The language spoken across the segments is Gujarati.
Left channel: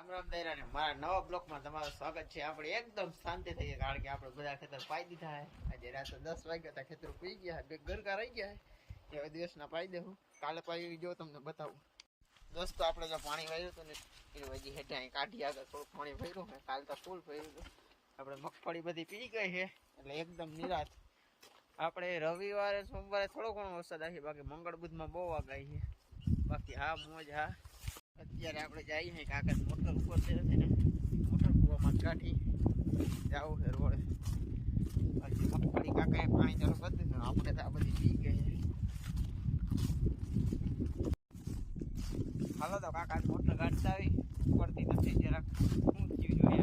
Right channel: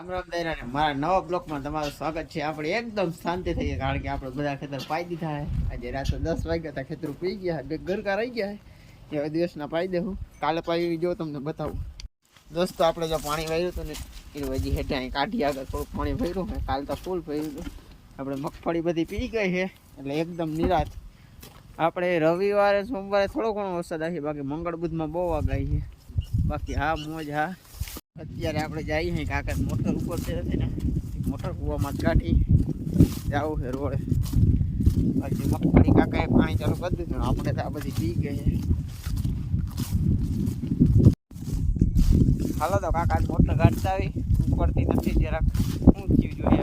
રામ રામ મારા નવા બ્લોકમાં તમારું સ્વાગત છે. આપણે એકદમ શાંતિ થઈ કારણ કે આપણે બધા ખેતર પાઈ દીધા છે આજે રાત્રે દસ વાગ્યા હતા, ખેતર પી ગયા બે ગરકા રહી ગયા એવા દિવસના પાઈ દેવું કાલે પાઈ જો તમને બતાવું. દોસ્તો, આપણે જો પાણી વાર્યું હતું ને, એ હજી કાઢી આગળ થોડું પાણી ભર્યું છે કાલ તો ફૂલ ભર્યું હતું. આપણે મગફળી બધી પી ગઈ છે એટલે એકદમ નિરાત આપણે રવિવારે, સોમવારે થોડો ઘણો વરસાદ આવી બાકી મંગળ બુધમાં બહુ આગાહી છે બાકી હા, મોજ હા. અત્યારે આપણે જઈએ છીએ કાકા મોટર ઉપર છે ને મોટર કૂવામાં જ કાઢી. જાવું છે રોડે. બાકી મગફળી કાકાએ પાણી ચાલુ કરી દીધું આપણે તો આ બધી પી ગઈ હાલો તો કાકા મોટર કાઢતા આવી. ઉપરથી નથી જરાક થયું જોઈએ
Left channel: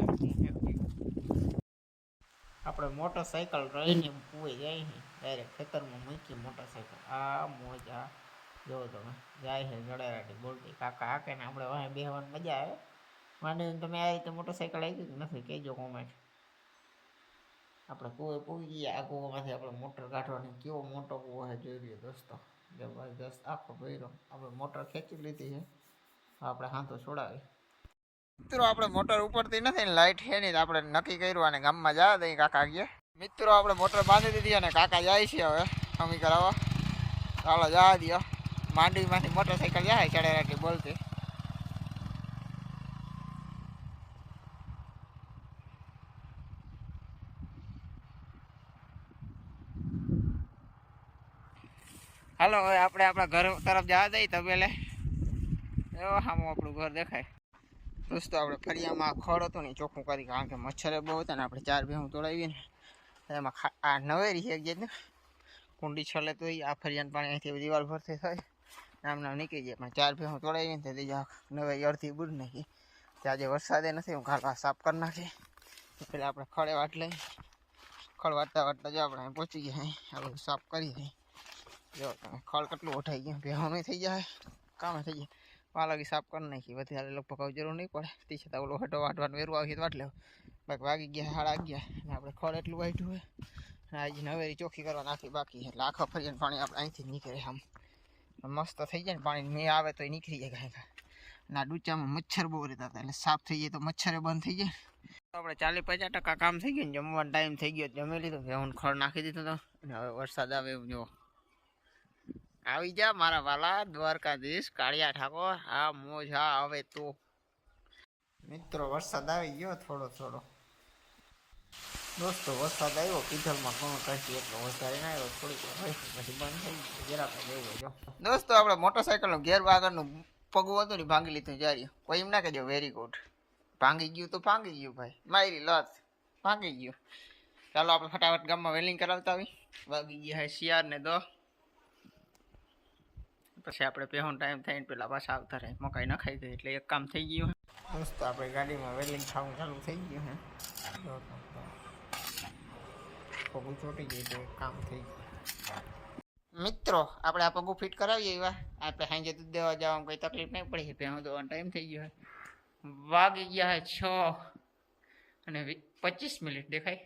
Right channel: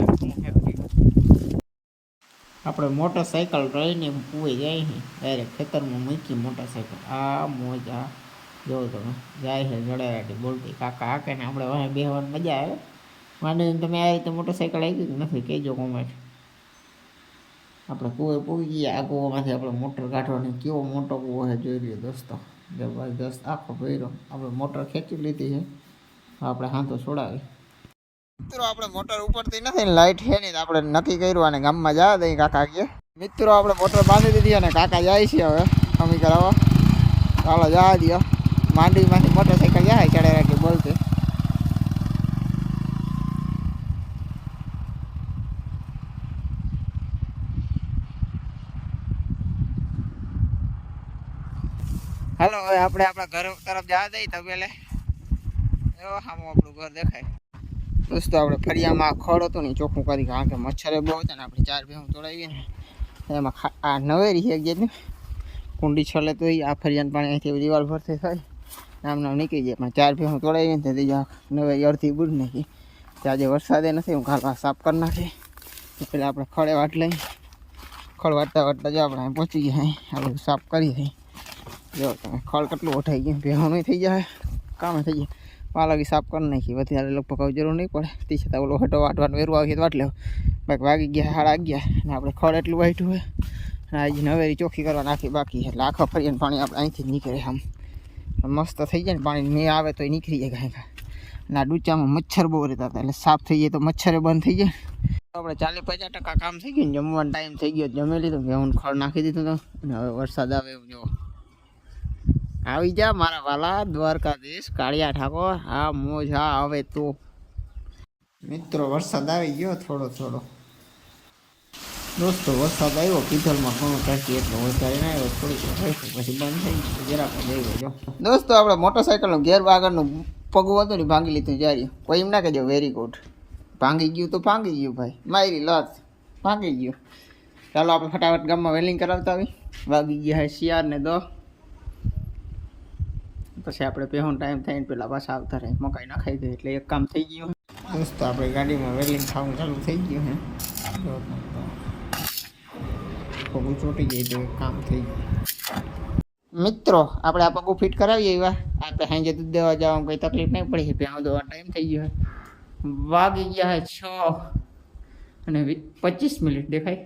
આપણે મોટરસાયકલ રહીને પૂઈ જાય ડાયરેક્ટ ખેતરમાં મૂકી મોટરસાયકલ. આ મોજ આ જોવો તમે જાય છે જડેરાટી બોલતી કાકા હાકે ને આપણે વાંહે બેહવાની મજા આવે માંડીને તમે આ રીતે મોટરસાયકલ આવી કે નથી કહેજો કોમેન્ટ આપણે કૂવે પૂગી ગયા આ કૂવામાંથી આપણે મોટર કાઢવાની કેવો મોટો કૂવો છે જોઈ લ્યો દોસ્તો જબરદસ્ત આખો ભર્યો આપણે મોટર ખેંચી લીધી છે આપણે હાથો છોડાવી મિત્રો આપણે મોટર ઉપરથી નથી ને લાઈટ છે નહીં તો આપણે નક્કી કર્યું અને ગામમાં જા દઈ કાકા કે મિત્રો આપણે મોટર બાંધી દીધી અને કાકા જાય છે હવે અમી કરાવવા ચાલો જા દો માંડવીમાંથી મોટરસાઇકલ જાય ચડે રાખી બોલતી. હાલો, હવે આપણે આપણા ઘર તરફ જવા દઈએ તો પેલે. એવો સામો આપણું ઘર દેખાય. દોસ્તો, આપણે ફરિયામાં ખડ હતું ને ચોખ્ખું કરી કારણ કે મચ્છરે બહુ હતા ને આપણે ચાર ભેહું તોડાવીએ ને. એમાં આ નવેરી છે જે કુંડી છલે તો આ ફરિયાનું પાણી અહીંથી દિવાલ ભરતી થાય નામ નામ નીકળી જાય પણ ચાર ભેહું તોડાવીએ ને તેથી જા નવેરી અડધી બુડ નાખી તે આજે વરસાદે નથી હું કાલ સાફ કરી નાખી તો પેલા આપણે ખડે વાટ લઈ ખડ વાટતા વાટતા જો આપણે અહીં પહોંચી ગયા અહીં આ બધું સાફ કરી દઈ જો તમે ખડ કેટલું ઉઠાઈ ગયું ભેહું નહીં થઈ જાય કામે થઈ જાય પાલકી સાફ કરી નાખી વધારે લગભગ હવે જરૂર નહીં પડે તે છતાં ઓલો હટો વાટવાનું વેરવા આવી તો વાટ લેવો બાકી વાગી ગયા સાડા અગિયાર અને આપણે ખડ એટલું વાટ્યું હોય અને આજે નવેરી ચોખ્ખી કરવા નાખી બાકી એટલે આખા ફરીને પાણી આપણે અહીંથી જ નીકળે આમ મસ્ત થઈ જાય ને પાણી મેં આવે તો એ નીકળી જાય કાંઈ અને આ ડૂચામાં મચ્છર બહુ રહેતા હતા, એટલે સાફ થઈ જાય તો મચ્છરે બંધ થઈ જાય. આપણે ચાલીસ પચાસ ટકા કામ થઈ ગયું જમવાનો ટાઈમ થઈ ગયો જમી લીધું હું ખડ નાખી દીધું તો. અને હવે વરસાદ આવે એવું જો આવી જા મારા વાલા, દ્વારકાધીશ, કાળિયા ઠાકોર, હા, મોજ, હા હવે તો. મિત્રો, વરસાદ આવી ગયો થોડો થોડો દોસ્તો વરસાદ આવ્યો કીધલમાં ઘણો કાઢી એટલો વધારે ના આવ્યો થોડીક વાર રાખ્યું, પછી બંધ થઈ ગયું જરાક જ આવ્યો જો દોસ્તો આપણે મોટરસાઇકલનું ગેર આગળનું પગું હતું ને ભાંગી લીધું જારી કોઈ એમ ના કહેજો વેરી ગુડ ભાંગી ગયું તો ભાંગી ગયું ભાઈ મારી લત ભાંગી ગયું ચાલો આપણે ફટાફટ ગામમાં વેલિંગ કરાવતા આવી વાગી ગયા હે શિયાર ને દો પછી આપણે પહેવાનો ટાઈમ થઈને પેલા પાછા આવતા રહે મકાઈ નખાઈ દે એટલે એક કામ થઈ ગયું દોસ્તો આપણે ગાડીમાં વેલિંગ થવાનું ચાલુ થઈ ગયું હે જો તો. પગું ચોટી જાય તો કામ થઈ જાય મિત્રો, આપણે આ પગું ફિટ કરાવીએ એવા. આપણે સાંજે દૂધ દેવા જવા કોઈ તકલીફ નહીં પડી. ભેણો દોવાનો ટાઈમ થઈ ગયો વાગી ગયા છ અને પચીસ મિનિટ દેખાય.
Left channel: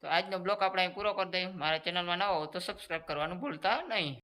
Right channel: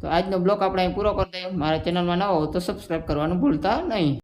તો આજનો બ્લોગ આપણે અહીં પૂરો કરી દઈએ. મારા ચેનલમાં ન હો તો સબસ્ક્રાઈબ કરવાનું ભૂલતા નહીં.